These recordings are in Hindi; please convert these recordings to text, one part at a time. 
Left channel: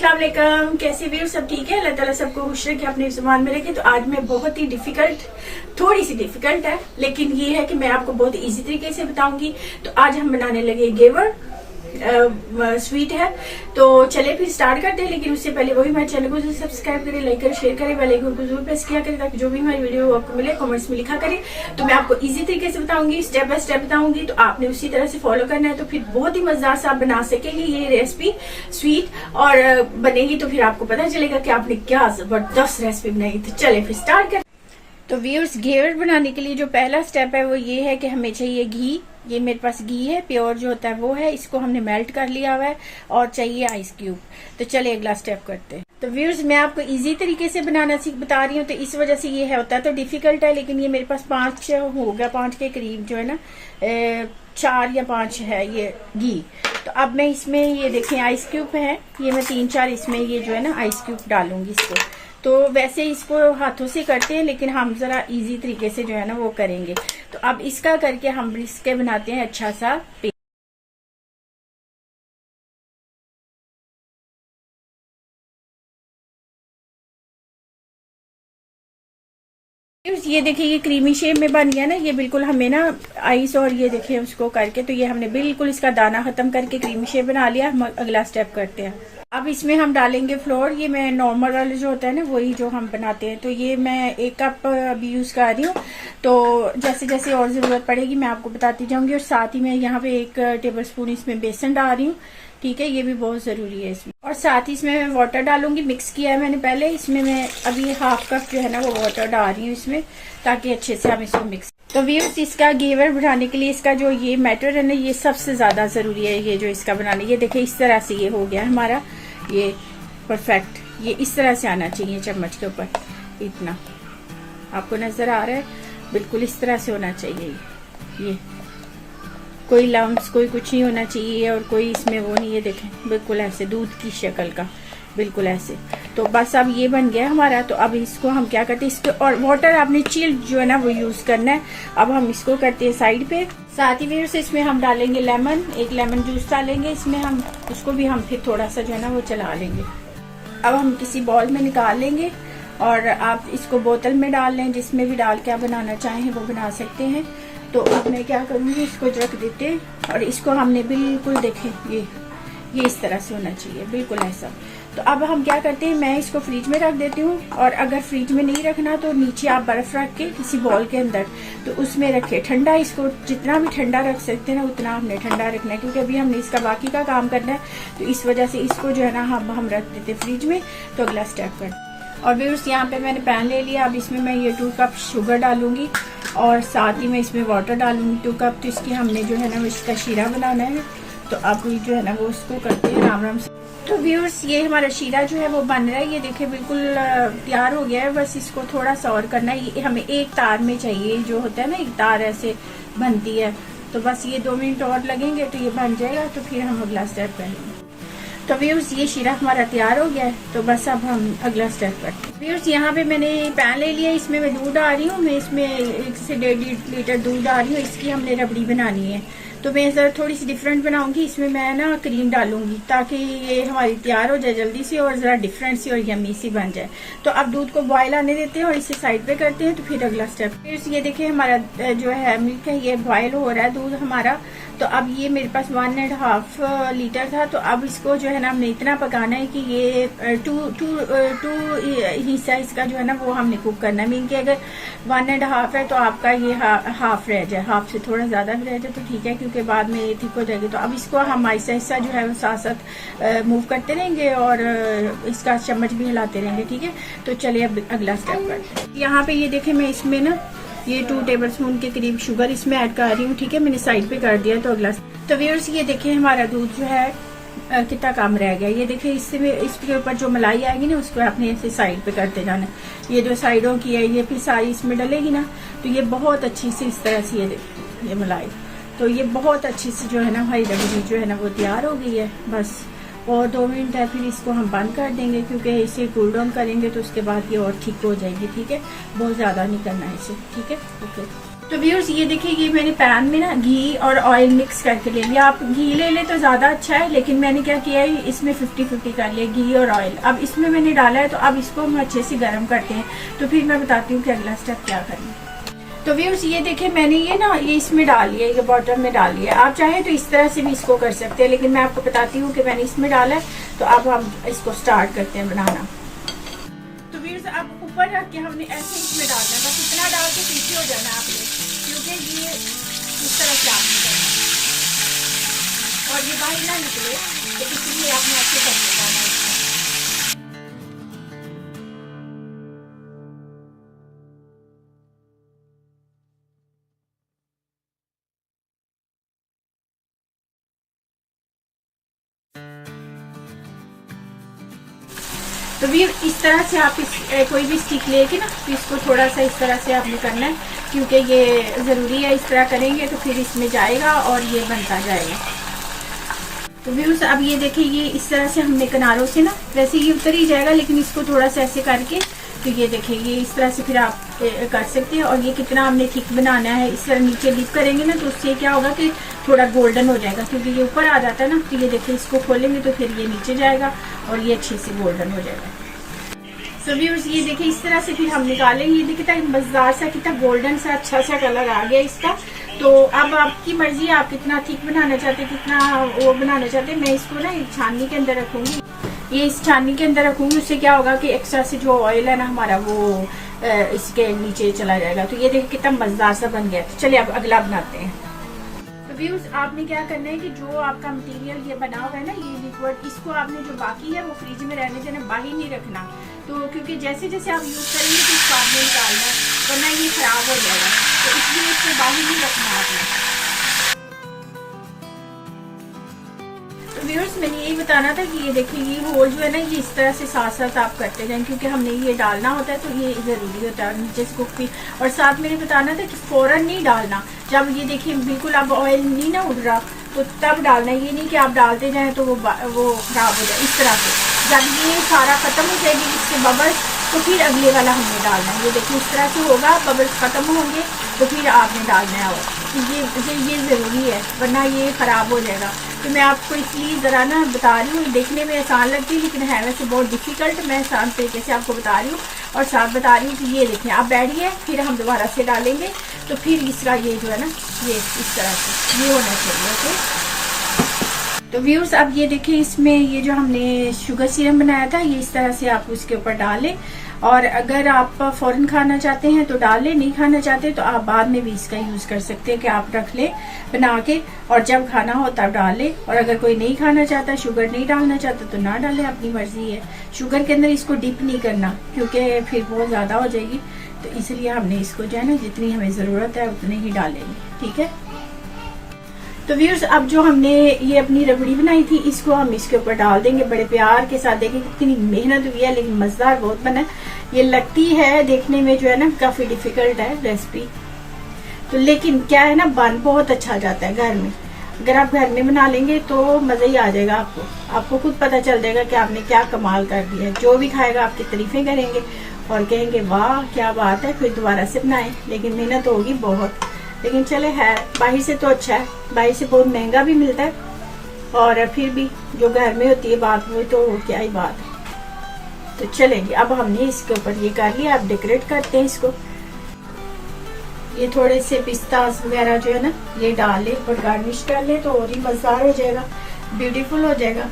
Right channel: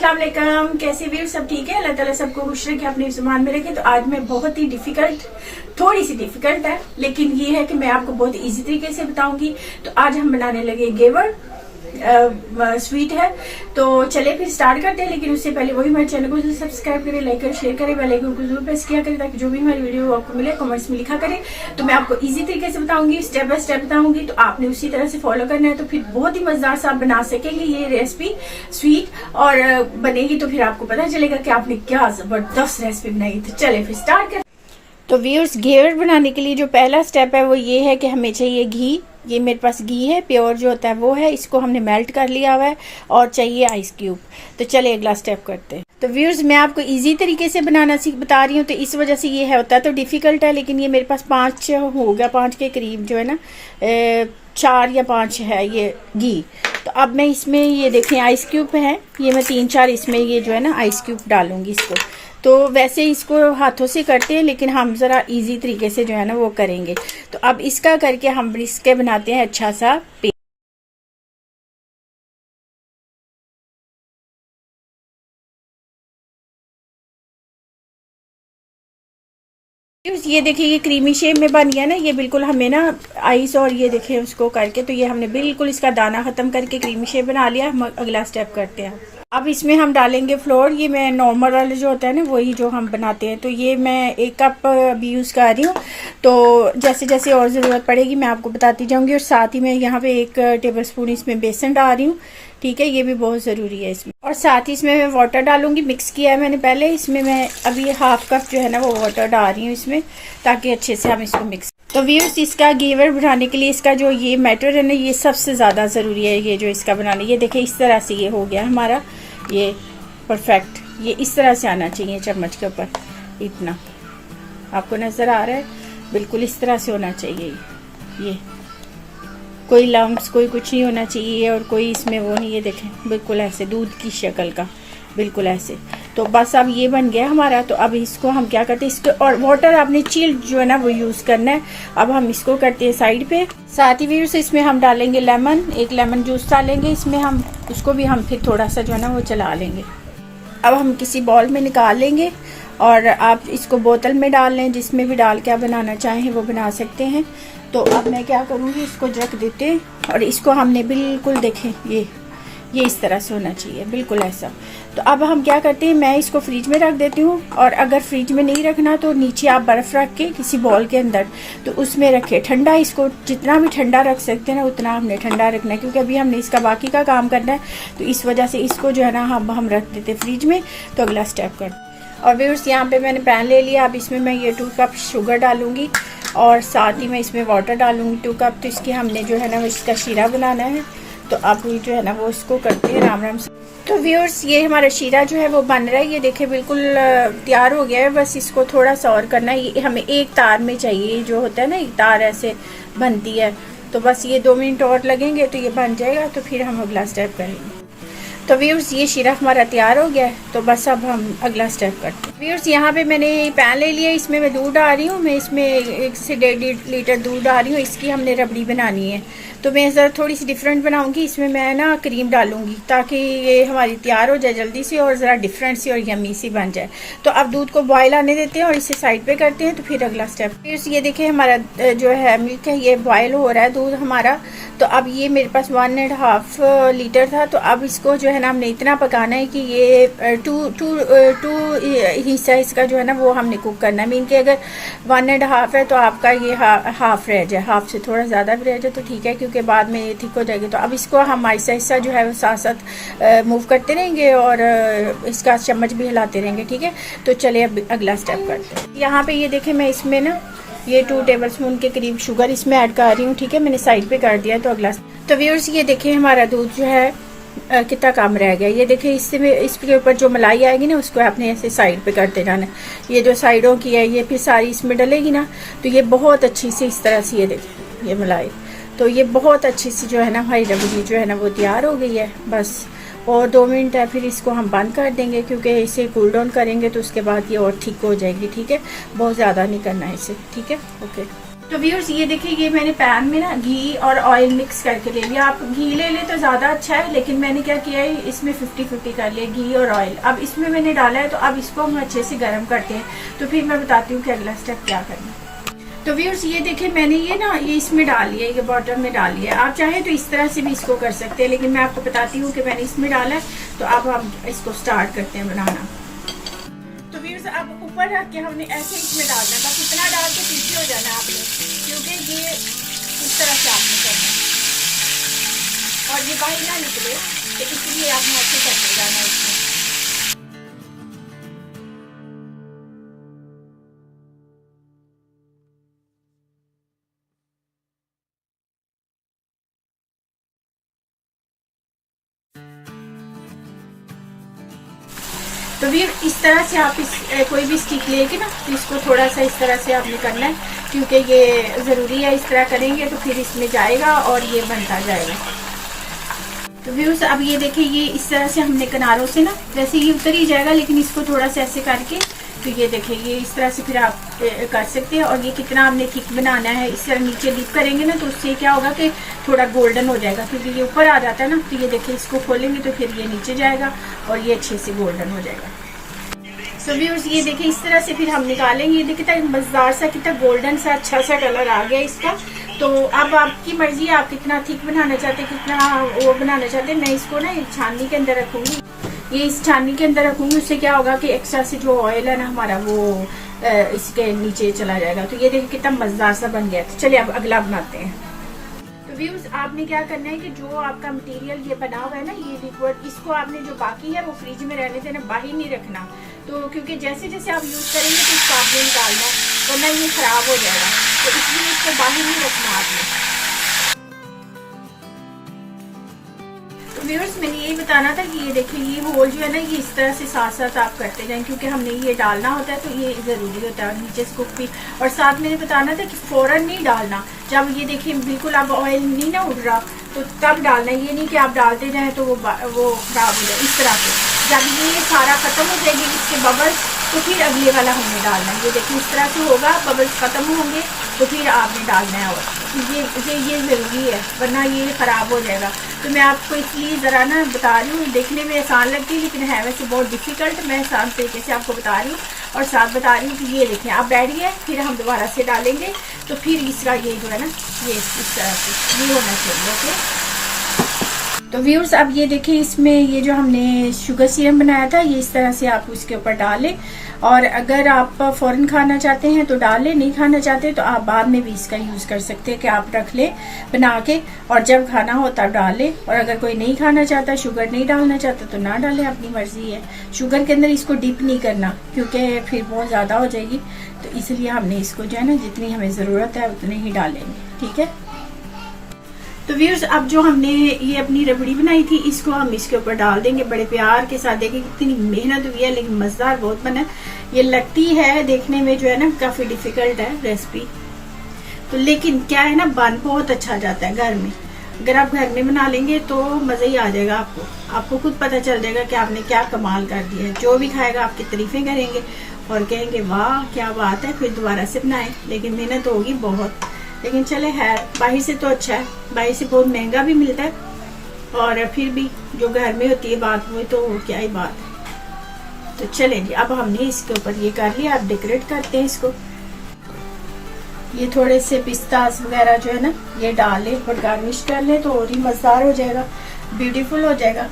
अस्सलाम वालेकुम। कैसे भी सब ठीक है? अल्लाह ताला सबको खुश रखे, अपने ज़ुबान में रखे। तो आज मैं बहुत ही थोड़ी सी डिफिकल्ट है, लेकिन ये है कि मैं आपको बहुत इजी तरीके से बताऊंगी। तो आज हम बनाने लगे घेवर स्वीट है। तो चले फिर स्टार्ट करते हैं, लेकिन उससे पहले वही हमारे चैनल को सब्सक्राइब करें, लाइक करें, शेयर करें, बेल आइकन को जरूर प्रेस किया करें ताकि जो भी हमारी वीडियो आपको मिले कमेंट्स में लिखा करें। तो मैं आपको इजी तरीके से बताऊंगी, स्टेप बाय स्टेप बताऊंगी, तो आपने उसी तरह से फॉलो करना है। तो फिर बहुत ही मजेदार से आप बना सकेंगे ये रेसिपी स्वीट, और बनेगी तो फिर आपको पता चलेगा कि आपने क्या जबरदस्त रेसिपी बनाई। तो चले फिर स्टार्ट करें। तो व्यूअर्स, घेवर बनाने के लिए जो पहला स्टेप है वो ये है कि हमें चाहिए घी। ये मेरे पास घी है, प्योर जो होता है वो है, इसको हमने मेल्ट कर लिया हुआ है, और चाहिए आइस क्यूब। तो चलिए अगला स्टेप करते हैं। तो व्यूअर्स, मैं आपको इजी तरीके से बनाना बता रही हूँ, तो इस वजह से ये है होता है तो डिफिकल्ट है, लेकिन ये मेरे पास 5 हो गया, 5 के करीब जो है ना, 4 या 5 है ये घी। तो अब मैं इसमें ये देखें आइस क्यूब है, ये मैं 3-4 इसमें ये जो है ना आइस क्यूब डालूंगी इसको। तो वैसे इसको हाथों से करते हैं, लेकिन हम जरा इजी तरीके से जो है ना वो करेंगे। तो अब इसका करके हम इसके बनाते हैं अच्छा सा पेस्ट। ये देखिए, ये क्रीमी शेप में बन गया ना, ये बिल्कुल हमें ना आइस और ये देखिए उसको करके, तो ये हमने बिल्कुल इसका दाना खत्म करके क्रीमी शेप बना लिया। हम अगला स्टेप करते हैं। अब इसमें हम डालेंगे फ्लोर। ये मैं नॉर्मल वाले जो होता है ना वही जो हम बनाते हैं। तो ये मैं 1 कप अभी यूज कर रही हूँ। तो जैसे जैसे और जरूरत पड़ेगी मैं आपको बताती जाऊंगी। और साथ ही मैं यहाँ पे 1 टेबलस्पून इसमें बेसन डाल रही हूँ, ठीक है, ये भी बहुत जरूरी है इसमें। और साथ ही इसमें मैं वाटर डालूंगी, मिक्स किया है मैंने पहले। इसमें मैं अभी 1/2 कप जो है ना वो वाटर डाल रही हूँ इसमें, ताकि अच्छे से हम इसको मिक्स। तो व्यूअर्स, इसका घेवर बनाने के लिए इसका जो ये मैटर है ना, ये सबसे ज्यादा जरूरी है। ये जो इसका बनाने, ये देखिए इस तरह से ये हो गया हमारा, ये परफेक्ट, ये इस तरह से आना चाहिए चम्मच के ऊपर, इतना आपको नजर आ रहा है, बिल्कुल इस तरह से होना चाहिए। ये कोई लम्प्स कोई कुछ नहीं होना चाहिए, और कोई इसमें वो नहीं, ये देखें बिल्कुल ऐसे दूध की शक्ल का, बिल्कुल ऐसे। तो बस अब ये बन गया हमारा। तो अब इसको हम क्या करते हैं, इसको और वाटर आपने चिल्ड जो है ना वो यूज करना है। अब हम इसको करते हैं साइड पे। साथ ही व्यूअर्स, इसमें हम डालेंगे लेमन, 1 लेमन जूस डालेंगे इसमें हम, उसको भी हम फिर थोड़ा सा जो है ना वो चला लेंगे। अब हम किसी बॉल में निकाल लेंगे, और आप इसको बोतल में डाल लें, जिसमें भी डाल के आप बनाना चाहें वो बना सकते हैं। तो अब मैं क्या करूँगी, इसको रख देते हैं, और इसको हमने बिल्कुल देखें ये इस तरह से होना चाहिए, बिल्कुल ऐसा। तो अब हम क्या करते हैं, मैं इसको फ्रिज में रख देती हूँ, और अगर फ्रिज में नहीं रखना तो नीचे आप बर्फ रख के किसी बॉल के अंदर तो उसमें रखे ठंडा। इसको जितना भी ठंडा रख सकते हैं ना उतना हमने ठंडा रखना है, क्योंकि अभी हमने इसका बाकी का काम करना है। तो इस वजह से इसको जो है ना हम रख देते फ्रिज में। तो अगला स्टेप कर। और व्यूअर्स, यहाँ पे मैंने पैन ले लिया। अब इसमें मैं ये 2 कप शुगर डालूंगी, और साथ ही मैं इसमें वाटर डालूंगी 2 कप। तो इसकी हमने जो है ना इसका शीरा बनाना है। तो अब ये जो है ना वो इसको करते हैं आराम से। तो व्यूअर्स, ये हमारा शीरा जो है वो बन रहा है, ये देखिए बिल्कुल तैयार हो गया है। बस इसको थोड़ा सा और करना है। ये हमें 1 तार में चाहिए, जो होता है ना 1 तार ऐसे बनती है। तो बस ये 2 मिनट और लगेंगे तो ये बन जाएगा। तो फिर हम अगला स्टेप करेंगे। तो व्यूअर्स, ये शीरा हमारा तैयार हो गया है। तो बस अब हम अगला स्टेप करते हैं। व्यूअर्स, यहाँ पे मैंने पैन ले लिया, इसमें मैं दूध डाल रही हूँ। मैं इसमें 1 से 1.5 लीटर दूध डाल रही हूँ। इसकी हमने रबड़ी बनानी है। तो मैं जरा थोड़ी सी डिफरेंट बनाऊंगी। इसमें मैं ना क्रीम डालूंगी, ताकि ये हमारी तैयार हो जाए जल्दी से, और जरा डिफरेंट सी और यमी सी बन जाए। तो अब दूध को बॉयल आने देते हैं, और इसे साइड पे करते हैं। तो फिर अगला स्टेप, फिर ये देखिए हमारा जो है मिल्क है, ये बॉयल हो रहा है दूध हमारा। तो अब ये मेरे पास 1.5 लीटर था। तो अब इसको जो है ना हमने इतना पकाना है कि ये 2 हिस्सा इसका जो है ना वो हमने कुक करना है। मीन कि अगर 1.5 है तो आपका ये हाफ रह जाए, हाफ से थोड़ा ज्यादा भी रह जाए तो ठीक है, क्योंकि बाद में ये ठीक हो जाएगी। तो अब इसको हम ऐसा हिस्सा जो है वो साथ साथ मूव करते रहेंगे, और इसका चम्मच भी हिलाते रहेंगे, ठीक है। तो चलिए अब अगला स्टेप करते हैं। यहाँ पे ये देखें, मैं इसमें ना ये 2 टेबलस्पून के करीब शुगर इसमें ऐड कर रही हूँ, ठीक है, मैंने साइड पे कर दिया। तो अगला, तो व्यूअर्स, ये देखें हमारा दूध जो है कितना कम रह गया। ये देखिए, इसके ऊपर जो मलाई आएगी ना उसको आपने ऐसे साइड पे करते जाना है। ये जो साइडों की है ये फिर सारी इसमें डलेगी ना, तो ये बहुत अच्छी से इस तरह से ये देखिए ये मलाई, तो ये बहुत अच्छी सी जो है ना हमारी रबड़ी जो है ना वो तैयार हो गई है। बस और 2 मिनट है, फिर इसको हम बंद कर देंगे, क्योंकि इसे कूल डाउन करेंगे तो उसके बाद ये और ठीक हो जाएगी, ठीक है। बहुत ज़्यादा नहीं करना है इसे, ठीक है, ओके। तो व्यूअर्स ये देखिए, ये मैंने पैन में ना घी और ऑयल मिक्स करके ले लिया। आप घी ले ले तो ज्यादा अच्छा है, लेकिन मैंने क्या किया है, इसमें 50-50 कर लिया घी और ऑयल। अब इसमें मैंने डाला है, तो अब इसको हम अच्छे से गर्म करते हैं। तो फिर मैं बताती हूँ कि अगला स्टेप क्या करना है। तो व्यूअर्स ये देखिए, मैंने ये इसमें डाल लिया, ये बॉटम में डाल लिया। आप चाहे तो इस तरह से भी इसको कर सकते हैं, लेकिन मैं आपको बताती हूँ कि मैंने इसमें डाला है। तो अब हम इसको स्टार्ट करते हैं बनाना। तो व्यूअर्स अब ऊपर रख के हमने ऐसे इसमें डालना है, बस इतना डाल के पीछे हो जाना आपने, क्योंकि ये इस तरह से आपने करना और ये बाहर ना निकले, तो इसलिए आपने ऐसे करके जाना इसमें। तो भी इस तरह से आप कोई भी स्टिक लेके ना, तो इसको थोड़ा सा इस तरह से आपने करना है, क्योंकि ये जरूरी है। इस तरह करेंगे तो फिर इसमें जाएगा और ये बनता जाएगा। तो व्यूअर्स अब ये देखिए, ये इस तरह से हमने किनारों से ना, वैसे ये उतर ही जाएगा, लेकिन इसको थोड़ा सा ऐसे करके, तो ये देखिए ये इस तरह से फिर आप कर सकते हैं। और ये कितना हमने थिक बनाना है, इस तरह नीचे डिप करेंगे ना, तो उससे क्या होगा कि थोड़ा गोल्डन हो जाएगा, क्योंकि ये ऊपर आ जाता है ना। तो ये देखिए, इसको खोलेंगे तो फिर ये नीचे जाएगा और ये अच्छे से गोल्डन हो जाएगा। सो व्यूअर्स ये देखिए, इस तरह से फिर हम निकालेंगे। ये देखिए मजेदार सा, कितना गोल्डन सा अच्छा सा कलर आ गया इसका। तो अब आपकी मर्जी है, आप कितना थिक बनाना चाहते हैं, कितना वो बनाना चाहते हैं। मैं इसको ना छाननी के अंदर रखूंगी, ये इस छाननी के अंदर रखूंगी। उससे क्या होगा कि एक्स्ट्रा से जो ऑयल है ना हमारा, वो इसके नीचे चला जाएगा। तो ये देखिए कितना मजेदार सा बन गया। तो चलिए अब अगला बनाते हैं। तो व्यूअर्स आपने क्या करना है कि जो आपका मटेरियल ये बना हुआ है ना, ये लिक्विड, इसको आपने जो बाकी है वो फ्रिज में रहने देना, बाहर नहीं रखना। तो क्योंकि जैसे जैसे आप यूज करेंगे तो इसको आपने निकालना, वरना ये खराब हो जाएगा। तो इसलिए इसको बाहर नहीं रखना आपने। तो व्यूअर्स मैंने यही बताना था कि ये देखिए, ये होल जो है ना, ये इस तरह से साथ साथ आप करते जाएं, क्योंकि हमने ये डालना होता है, तो ये जरूरी होता है। नीचे से कुक भी, और साथ मैंने बताना था कि फौरन नहीं डालना। जब ये देखिए बिल्कुल अब ऑयल नहीं ना उड़ रहा, तो तब डालना। ये नहीं कि आप डालते जाएं तो वो खराब हो जाए। इस तरह से जब ये सारा खत्म हो जाएगी इसके बबल्स, तो फिर अगले वाला हमने डालना है। ये देखिए इस तरह से होगा, बबल्स खत्म होंगे तो फिर आपने डालना है। और ये जरूरी है, वरना ये खराब हो जाएगा। तो मैं आपको इसलिए जरा ना बता रही हूँ। देखने में आसान लगती है, लेकिन है वैसे बहुत डिफिकल्ट। मैं आसान तरीके से आपको बता रही हूँ और साथ बता रही हूँ कि ये देखें आप बैठिए, फिर हम दोबारा से डालेंगे। तो फिर इसका ये जो है ना, ये इस तरह से ये होना चाहिए। ओके तो व्यूअर्स अब ये देखिए, इसमें ये जो हमने शुगर सिरप बनाया था, ये इस तरह से आप उसके ऊपर डालें। और अगर आप फौरन खाना चाहते हैं तो डालें, नहीं खाना चाहते तो आप बाद में भी इसका यूज कर सकते हैं कि आप रख ले बना के, और जब खाना हो तब डालें। और अगर कोई नहीं खाना चाहता, शुगर नहीं डालना चाहता, तो ना डालें, अपनी मर्जी है। शुगर के अंदर इसको डिप नहीं करना, क्योंकि फिर बहुत ज्यादा हो जाएगी। तो इसलिए हमने इसको जो है ना, जितनी हमें जरूरत है उतने ही डालेंगे। ठीक है। तो व्यूअर्स अब जो हमने ये अपनी रबड़ी बनाई थी, इसको हम इसके ऊपर डाल देंगे बड़े प्यार के साथ। देखिए कितनी मेहनत हुई है, लेकिन मजेदार बहुत बना। ये लगती है देखने में जो है ना काफी डिफिकल्ट है रेसिपी, तो लेकिन क्या है ना, बन बहुत अच्छा जाता है घर में। अगर आप घर में बना लेंगे तो मजा ही आ जाएगा आपको खुद पता चल जाएगा कि आपने क्या कमाल कर दिया है। जो भी खाएगा आपकी तारीफें करेंगे और कहेंगे वाह क्या बात है, फिर दोबारा से बनाए। लेकिन मेहनत होगी बहुत, लेकिन चले है, बाहर से तो अच्छा है। बाहर से बहुत महंगा भी मिलता है, और फिर भी जो घर में होती है बात, वो तो क्या ही बात है। तो चलेंगे अब हमने इसके ऊपर ये कर लिया। अब डेकोरेट करते हैं इसको। ये थोड़े से पिस्तास वगैरह जो है ना, ये डाल लें और गार्निश कर लें, तो और ही मजेदार हो जाएगा, ब्यूटीफुल हो जाएगा।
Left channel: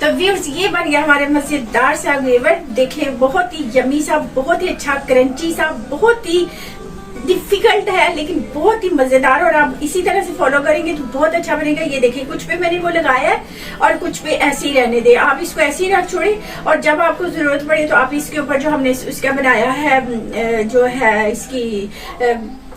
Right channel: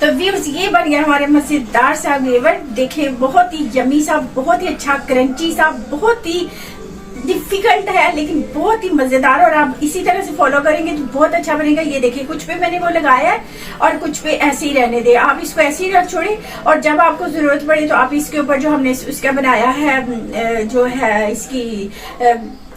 तो व्यूअर्स ये बन गया हमारे मजेदार सा घेवर। देखें बहुत ही यमी सा, बहुत ही अच्छा क्रंची सा, बहुत ही डिफिकल्ट है लेकिन बहुत ही मजेदार। और आप इसी तरह से फॉलो करेंगे तो बहुत अच्छा बनेगा। ये देखिए कुछ पे मैंने वो लगाया है और कुछ पे ऐसे ही रहने दे। आप इसको ऐसे ही रख छोड़े, और जब आपको जरूरत पड़े तो आप इसके ऊपर जो हमने उसका बनाया है, जो है इसकी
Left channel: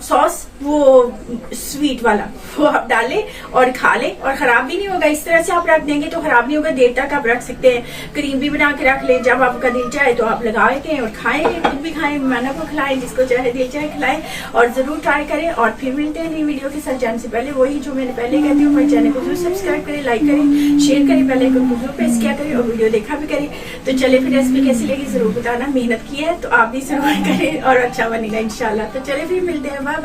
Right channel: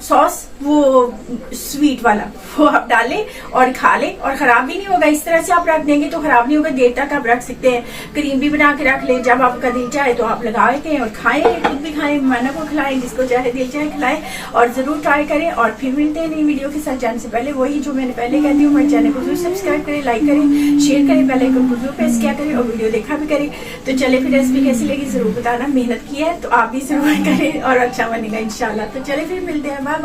सॉस, वो स्वीट वाला, वो आप डालें और खा लें और खराब भी नहीं होगा। इस तरह से आप रख देंगे तो खराब नहीं होगा, देर तक आप रख सकते हैं। क्रीम भी बना के रख लें, जब आपका दिल चाहे तो आप लगा के और खाएं, खुद भी खाएं, मेहमानों को खिलाएं, जिसको चाहे दिल चाहे खिलाएं। और जरूर ट्राई करें। और फिर मिलते हैं नई वीडियो के साथ। जाने से पहले वही जो मैंने पहले कहती हूँ, मेरे चैनल को जरूर सब्सक्राइब करें, लाइक करें, शेयर करें, बेल आइकन को जरूर प्रेस किया करें और वीडियो देखा भी करें। तो चले फिर रेसिपी कैसी लगी जरूर बताना। मेहनत की है तो आप भी जरूर करें और अच्छा बनेगा इंशाल्लाह। तो चले फिर मिलते हैं, बाय।